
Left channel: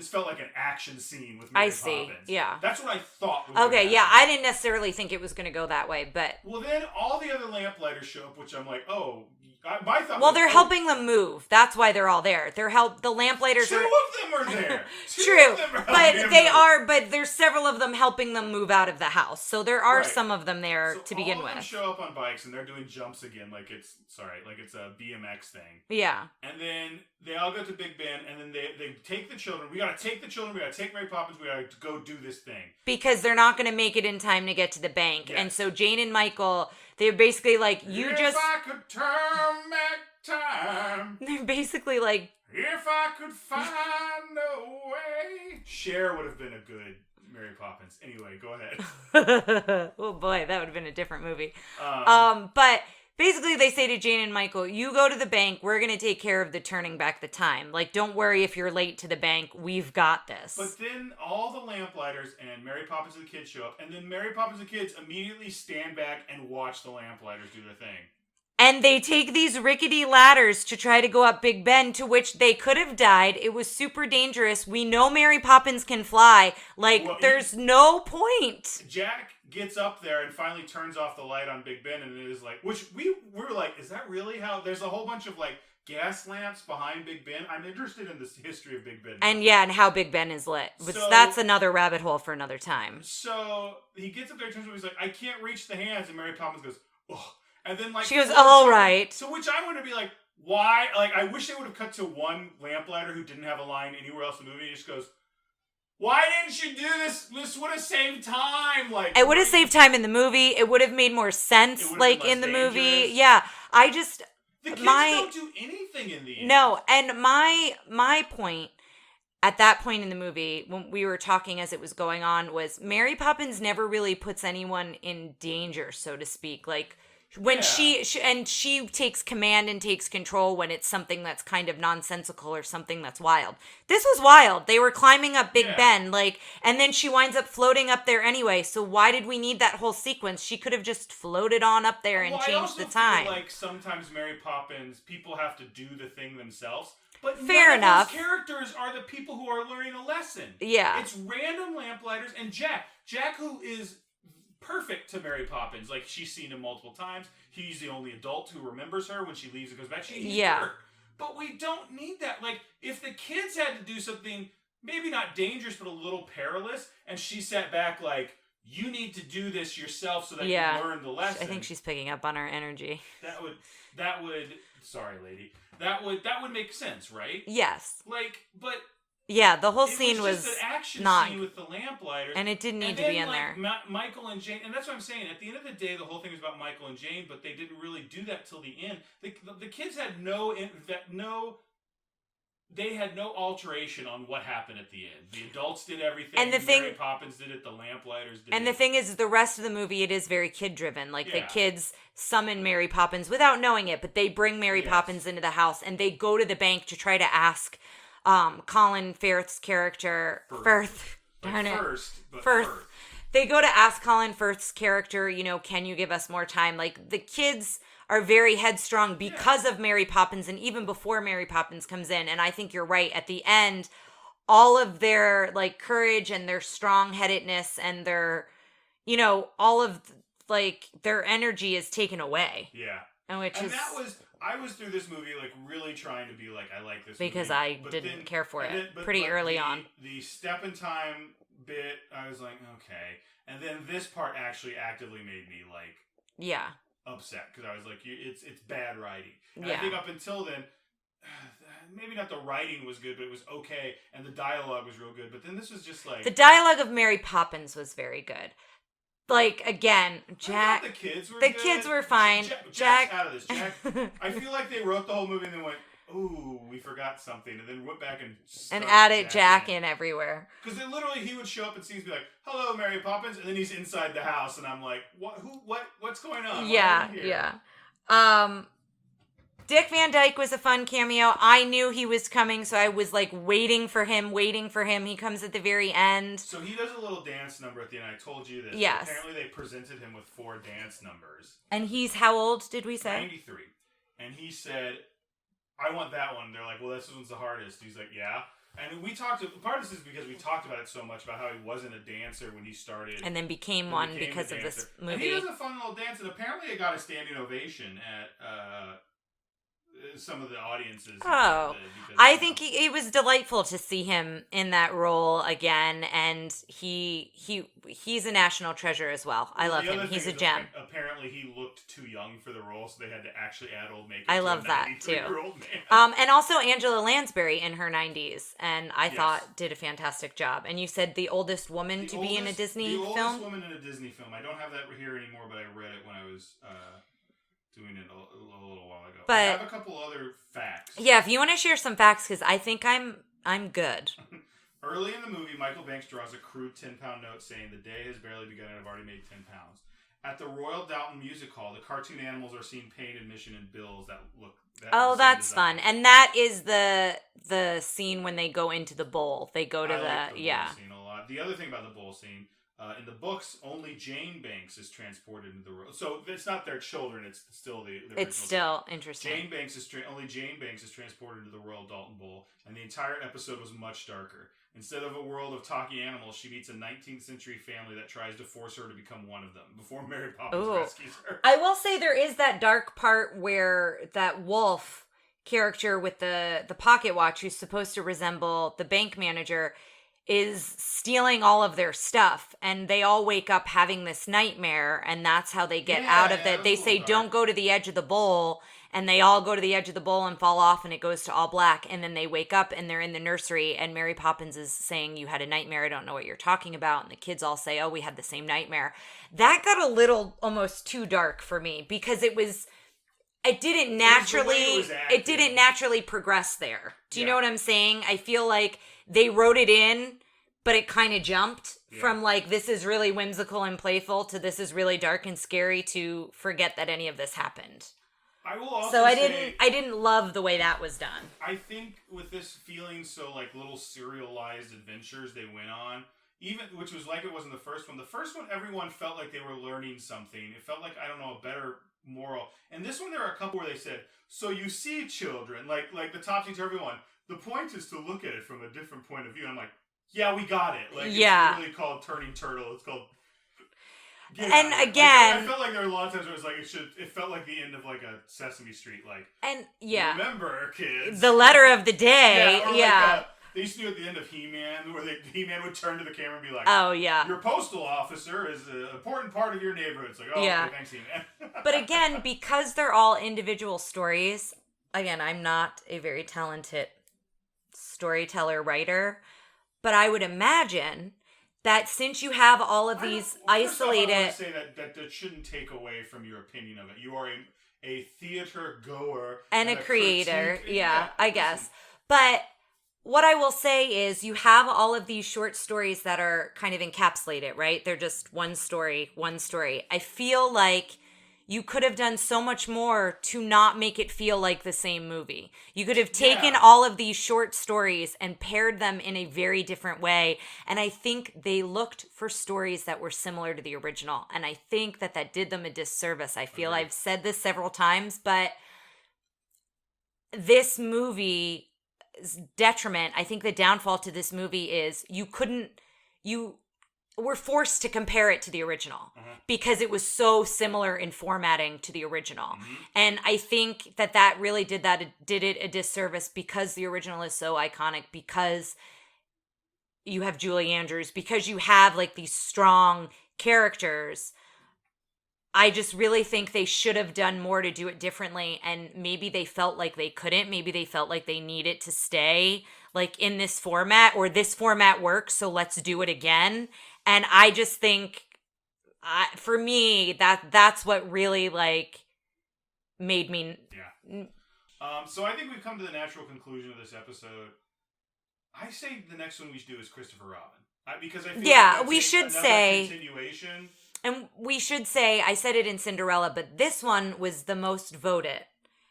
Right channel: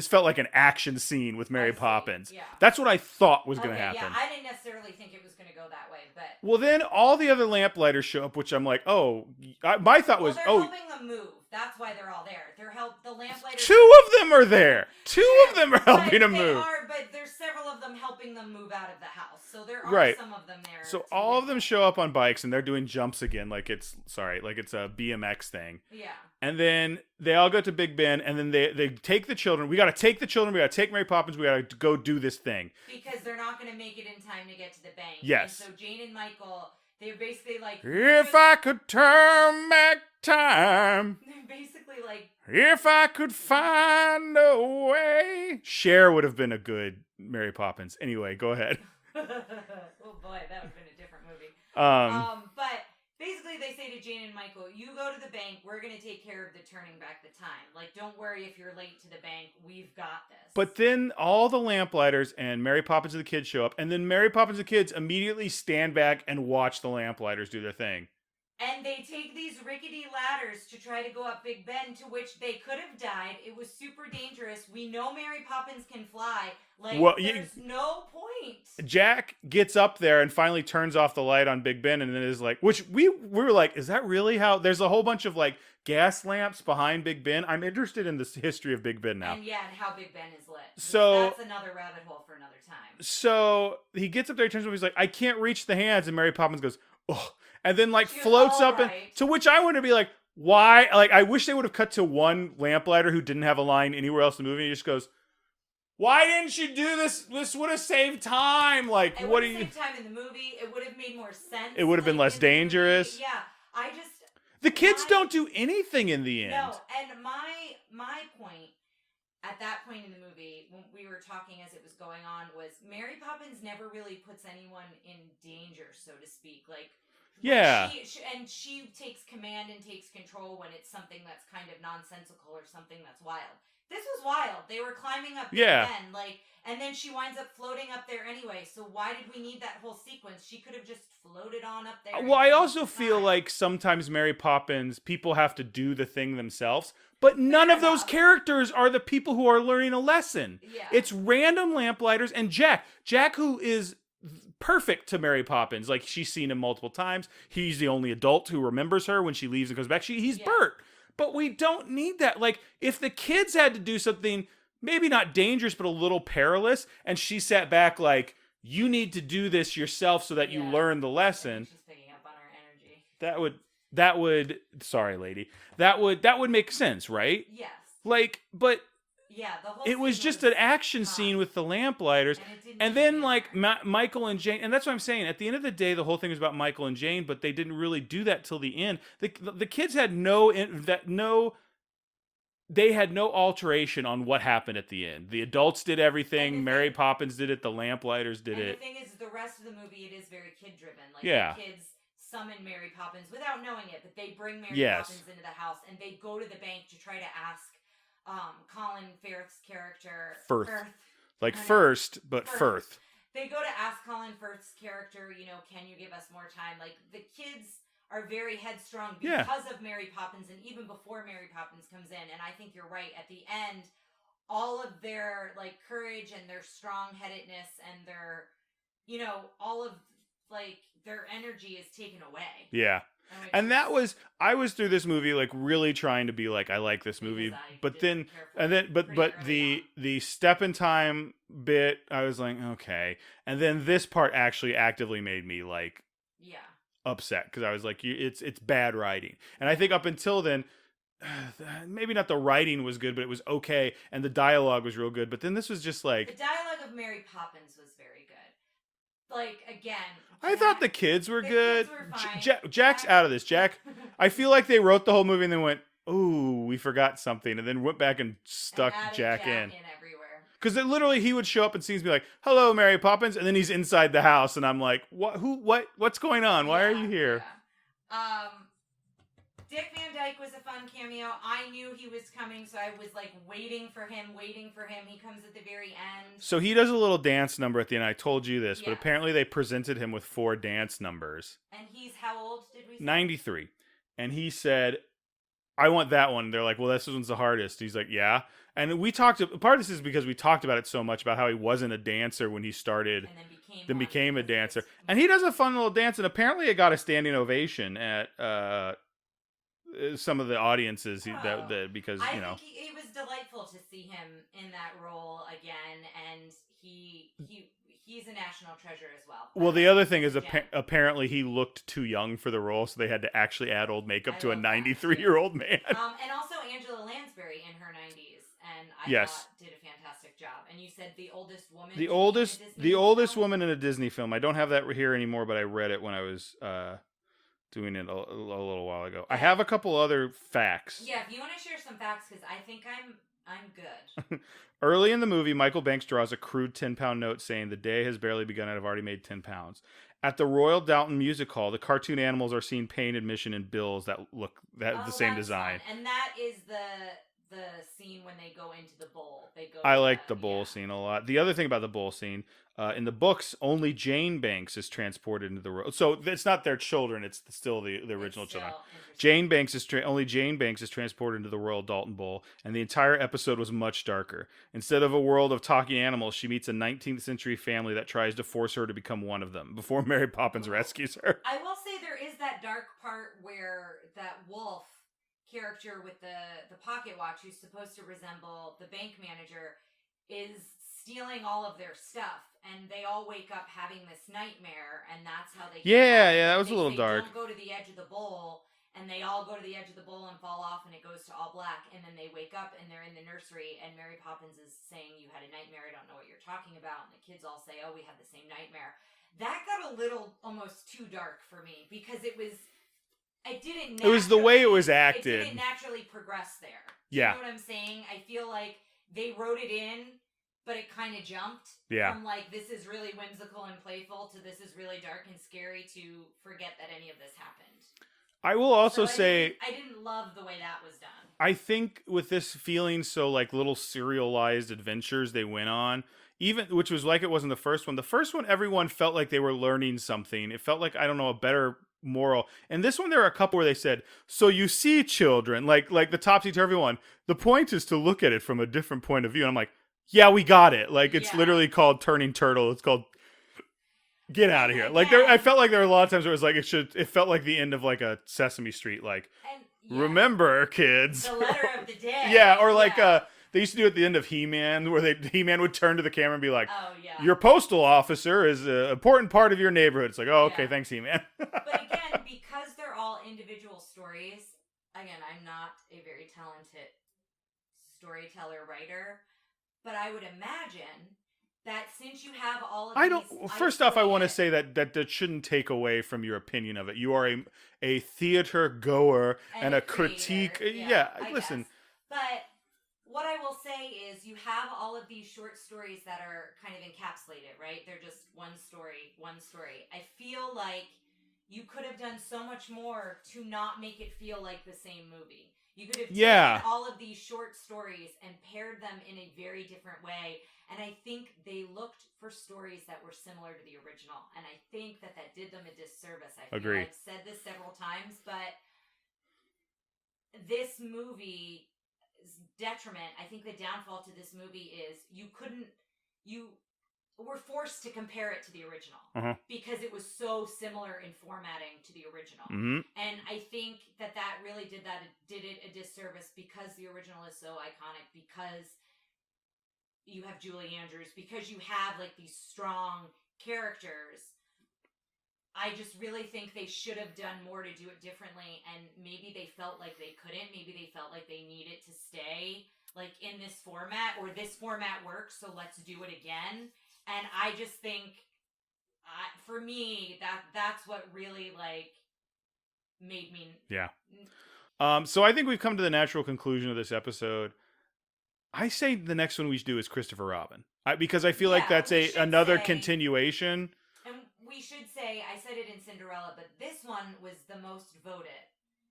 felt like an action scene with Mary Poppins. Yeah. That's what I thought was going to happen. Okay, yeah. I didn't necessarily think it was going to go that way, but... Well, then all the other lamplighters show up, which I'm like, my thought was... Well, they're helping them move. That's why they're all there. The lamplighters... Two of them are there. Two of them are helping them move. But there's several of them helping them move out of the house. So there are some of them there to begin with. All of them show up on bikes, and they're doing jumps again, like it's a BMX thing. Yeah. And then they all go to Big Ben, and then they take the children. We got to take the children. We got to take Mary Poppins. We got to go do this thing. Because they're not going to make it in time to get to the bank. Yes. And so Jane and Michael, they're basically like, if I could turn back time. They're basically like, if I could find a way. Cher would have been a good Mary Poppins. Anyway, go ahead. Oh boy, that would have been a different movie. But basically they say to Jane and Michael, you go to the bank, we're going to take care of the turning back the time. Like, don't worry if you're late to the bank, we've got this. But then all the lamplighters and Mary Poppins and the kids show up, and then Mary Poppins and the kids immediately stand back and watch the lamplighters do their thing. And they take these rickety ladders to try to go up Big Ben, to which they could have died. It was super dangerous. We know Mary Poppins can fly. Like, there's no point. Jack gets up there and finally turns off the light on Big Ben, and then is like, which we were like, is that really how? There's a whole bunch of like gas lamps behind Big Ben. I'm interested in the history of Big Ben now. And how Big Ben is lit. So that's another rabbit hole for another time. So he gets up there, turns over, he's like, I can't reach the hands, and Mary Poppins goes, oh. And then, like, she goes, floats all up right. To which I want to be like, why? Like, I wish they would have cut to one lamplighter who didn't have a line anywhere else in the movie. He just goes, "Why didn't you do this? This would have saved time." Like, it would have saved time in the movie. It would have made more sense. It would have like been less in the dangerous. movie. Yeah, the kids don't do anything in the end. No, and my point at that point in the movie, when we were talking as it was going on, was Mary Poppins never really puts anyone in danger, so to speak. Like, when she takes command and takes control when it's something that's kind of nonsensical or something that's wild. This was wild. They were climbing up Big Ben, like, and then she winds up floating up there anyway. So why did we need that whole sequence? She could have just floated on up there and changed the time. Well, I also feel like sometimes Mary Poppins, people have to do the thing themselves. But Fair none enough. of those characters are the people who are learning a lesson. Yeah. It's random lamplighters and Jack. Jack, who is perfect to Mary Poppins. Like, she's seen him multiple times. He's the only adult who remembers her when she leaves and goes back. He's Bert. But we don't need that. Like, if the kids had to do something, maybe not dangerous, but a little perilous, and she sat back like, you need to do this yourself so that you learn the lesson. I think she's picking up on our energy. That would sorry, lady. That would make sense, right? Yes. Like, but yeah, the whole scene was just an action scene with the lamplighters, and it didn't need and to then be in like there. Michael and Jane, and that's what I'm saying. At the end of the day, the whole thing is about Michael and Jane, but they didn't really do that till the end. The kids had they had no alteration on what happened at the end. The adults did everything. Mary Poppins did it. The lamplighters did it. And the thing is, the rest of the movie, it is very kid-driven. Like, the kids summon Mary Poppins without knowing it, but they bring Mary Poppins into the house, and they go to the bank to try to ask Colin Firth's character... Firth. Like First, but Firth. They go to ask Colin Firth's character, can you give us more time? Like, the kids are very headstrong because of Mary Poppins, and even before Mary Poppins comes in. And I think you're right. At the end, all of their, like, courage and their strong-headedness and their, all of, like, their energy is taken away. Yeah. I was through this movie, like, really trying to be like, I like this movie. Because I didn't care for it pretty early on. The step in time bit, I was like, okay. And then this part actually actively made me, like... Yeah. Upset, because I was like, it's bad writing. And I think up until then, maybe not the writing was good, but it was okay, and the dialogue was real good. But then this was just like... The dialogue of Mary Poppins was very good. Like, again, I thought the kids were good. The kids were fine. Jack's out of this. Jack, I feel like they wrote the whole movie and then went, ooh, we forgot something, and then went back and stuck and added Jack in everywhere. Because literally he would show up and scenes be like, "Hello, Mary Poppins," and then he's inside the house, and I'm like, "What? Who? What's going on? Why are you here?" Yeah. Dick Van Dyke was a fun cameo. I knew he was coming, so I was like waiting for him. He comes at the very end. So he does a little dance number at the end. I told you this, yes. But apparently they presented him with 4 dance numbers. And he's how old? Did we say 93? And he said, I want that one. They're like, well, this one's the hardest. He's like, yeah. And we talked, part of this is because we talked about it so much about how he wasn't a dancer when he started. And then became a dancer. And he does a fun little dance, and apparently it got a standing ovation at some of the audiences did, because I think it was delightful to see him in that role again, and he's a national treasure as well. Well, the other thing is apparently he looked too young for the role, so they had to actually add old makeup to a 93-year-old man. And also Angela Lansbury in her 90s, and I thought did a fantastic job. And you said the oldest woman be in a Disney film? The oldest woman in a Disney film. I don't have that here anymore, but I read it when I was doing it a little while ago. But I have a couple other facts. Yeah, if you want to share some facts, because I think I'm good. Early in the movie, Michael Banks draws a crude 10-pound note saying, "The day has barely begun and I've already made 10 pounds." At the Royal Downton Music Hall, the cartoon animals are seen paying admission in bills that look the same that's design. Fun. And that is the scene when they go into the bowl. They go to I like the bowl scene a lot. The other thing about the bowl scene, in the books, only Jane Banks is transported into the road. So it's not their children; it's still the original. It's still children. Interesting. Only Jane Banks is transported into the Royal Dalton Bowl, and the entire episode was much darker. Instead of a world of talking animals, she meets a 19th century family that tries to force her to become one of them before Mary Poppins rescues her. I will say there is that dark part where that wolf character with the pocket watch, who's supposed to resemble the bank manager, is stealing all of their stuff, and they all wake up having this nightmare, and that's how they get out of it. They say, dark. Don't go to the edge of the bowl, and they all go to the edge of the bowl and fall off and it goes to all black, and then they wake up and they're in the nursery and Mary Poppins is saying, you had a nightmare, I don't know what you're talking about, and the kids all say, oh, we had the same nightmare. That got a little almost too dark for me because it didn't naturally, it was the way it was acted. It didn't naturally progress there. Do you Yeah. know what I'm saying? I feel like they wrote it in, but it kind of jumped from like, this is really whimsical and playful to this is really dark and scary to forget that any of this happened. I will also say I didn't love the way that was done. I think with this feeling so like little serialized adventures they went on, even which was like it was in the first one. The first one, everyone felt like they were learning something. It felt like, I don't know, a better moral. And this one, there are a couple where they said, so you see, children, like the topsy-turvy one, the point is to look at it from a different point of view. And I'm like, yeah, we got it. Like, it's literally called Turning Turtle. It's called Get Out of Here. Again, like, I felt like there were a lot of times where it was like, it felt like the end of like a Sesame Street, like, remember, kids. The letter of the day. They used to do it at the end of He-Man, where He-Man would turn to the camera and be like, oh, yeah, your postal officer is an important part of your neighborhood. It's like, oh, okay, thanks, He-Man. But again, because they're all individual stories, again, I'm not a very talented storyteller writer, but I would imagine that since you have all of these isolated... First off, I want to say that shouldn't take away from your opinion of it. You are a theater goer and a creator. Yeah, I guess. But what I will say is you have all of these short stories that are kind of encapsulated, right? They're just one story. I feel like you could have done so much more to not make it feel like the same movie. You could have taken all of these short stories and paired them in a very different way. And I think they looked for stories that were similar to the original. And I think that did them a disservice. I feel I've said this several times, but this movie's detriment, I think the downfall to this movie is you were forced to compare it to the original because it was so similar in formatting to the original. Mm-hmm. And I think that really did it a disservice because the original is so iconic, because you have Julie Andrews, because you have like these strong characters. I just really think they should have done more to do it differently, and maybe they felt like they couldn't. Maybe they felt like they needed to stay like in this format, or this format works, so let's do it again. And I just think, for me, that's what really like made me. Yeah. So I think we've come to the natural conclusion of this episode. I say the next one we should do is Christopher Robin, because I feel like that's another continuation. And we should say, I said it in Cinderella, but this one was the most voted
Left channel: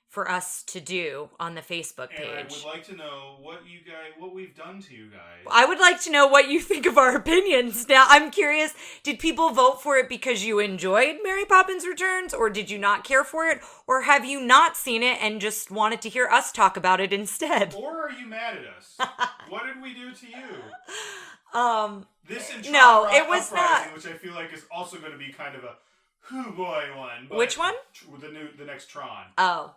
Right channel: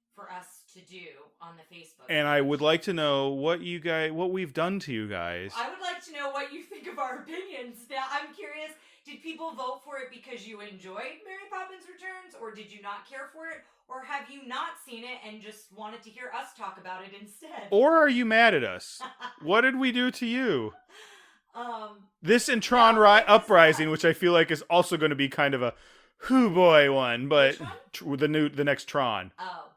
for us to do on the Facebook page. And I would like to know what we've done to you guys. I would like to know what you think of our opinions. Now, I'm curious, did people vote for it because you enjoyed Mary Poppins Returns, or did you not care for it? Or have you not seen it and just wanted to hear us talk about it instead? Or are you mad at us? What did we do to you? This and Tron Uprising, which I feel like is also going to be kind of a hoo boy one. But which one? The next Tron. Oh.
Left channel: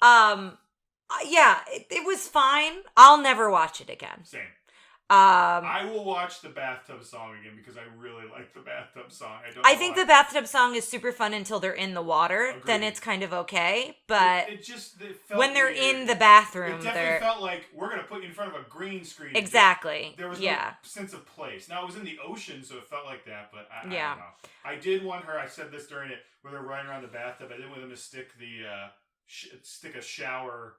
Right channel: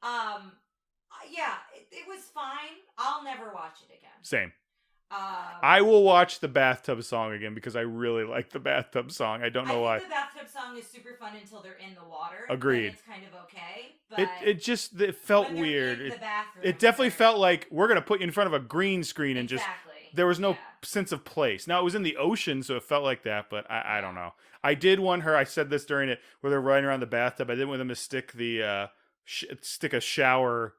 Yeah, it was fine. I'll never watch it again. Same. I will watch the bathtub song again because I really like the bathtub song. I think the bathtub song is super fun until they're in the water. Agreed. Then it's kind of okay. But it felt when they're weird. in the bathroom, it definitely felt like we're gonna put you in front of a green screen. Exactly. And there was no sense of place. Now it was in the ocean, so it felt like that. But I don't know. I did want her. I said this during it where they're running around the bathtub. I didn't want them to stick stick a shower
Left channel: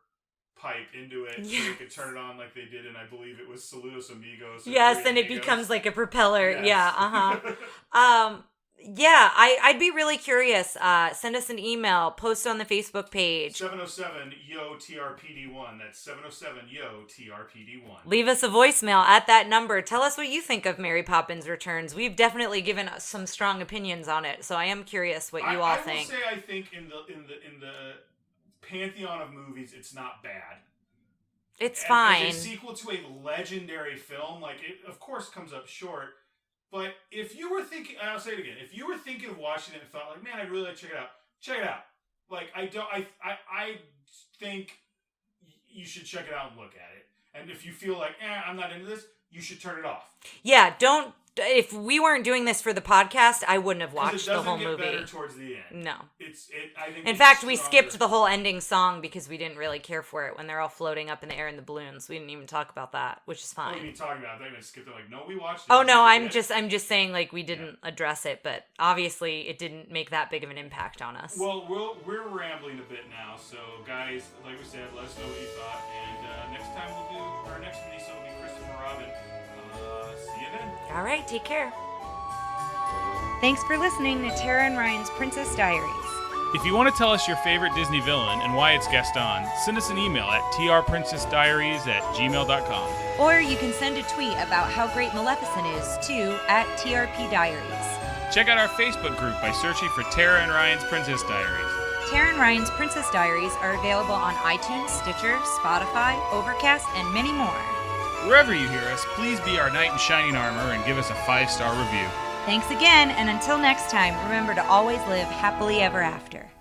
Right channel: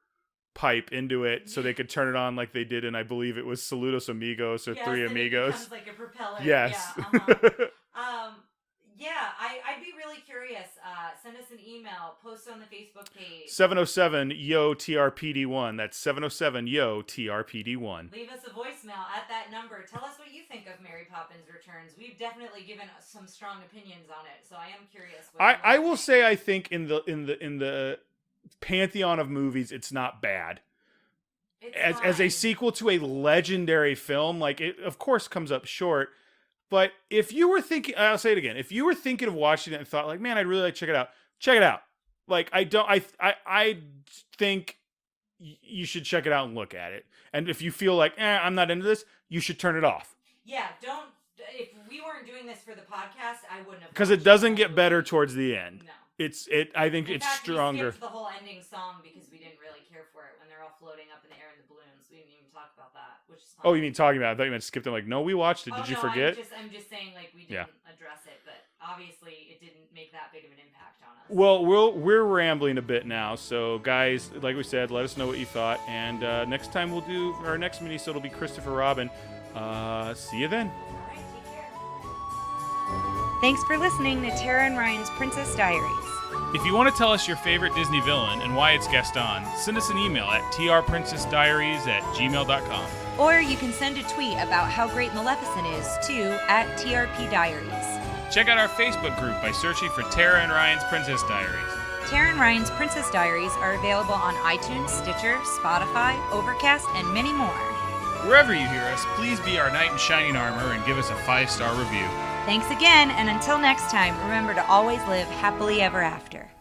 pipe into it so they could turn it on like they did in, I believe it was Saludos Amigos or Yes, Three then Amigos. It becomes like a propeller. Yes. Yeah, yeah, I'd be really curious. Send us an email, post on the Facebook page. 707-YO-TRPD1. That's 707-YO-TRPD1. Leave us a voicemail at that number. Tell us what you think of Mary Poppins Returns. We've definitely given us some strong opinions on it, so I am curious what you all think. I will say I think in the pantheon of movies, it's not bad. It's fine. As a sequel to a legendary film, like it of course comes up short. But if you were thinking, I'll say it again, if you were thinking of watching it and thought like, man, I'd really like to check it out. Like I think you should check it out and look at it. And if you feel like, I'm not into this, you should turn it off. Yeah, don't if we weren't doing this for the podcast, I wouldn't have watched because it doesn't get movie. better towards the end. No, I think. In fact, we skipped the whole ending song because we didn't really care for it when they're all floating up in the air in the balloons. We didn't even talk about that, which is fine. Oh, you mean talking about? I thought you meant skipped it. Like, no, we watched it. Oh no, I'm just saying like we didn't address it, but obviously it didn't make that big of an impact on us. Well, we're rambling a bit now, so guys, like we said, let us know what you thought, and next time we'll do our next mini-sode will be Christopher Robin. See you then. All right, take care. Thanks for listening to Tara and Ryan's Princess Diaries. If you want to tell us your favorite Disney villain and why it's guest on, send us an email at trprincessdiaries@gmail.com. Or you can send a tweet about how great Maleficent is to @TRPDiaries. Check out our Facebook group by searching for Tara and Ryan's Princess Diaries. Tara and Ryan's Princess Diaries are available on iTunes, Stitcher, Spotify, Overcast, and many more. Wherever you hear us, please be our knight in shining armor and give us a 5-star review. Thanks again, and until next time, remember to always live happily ever after.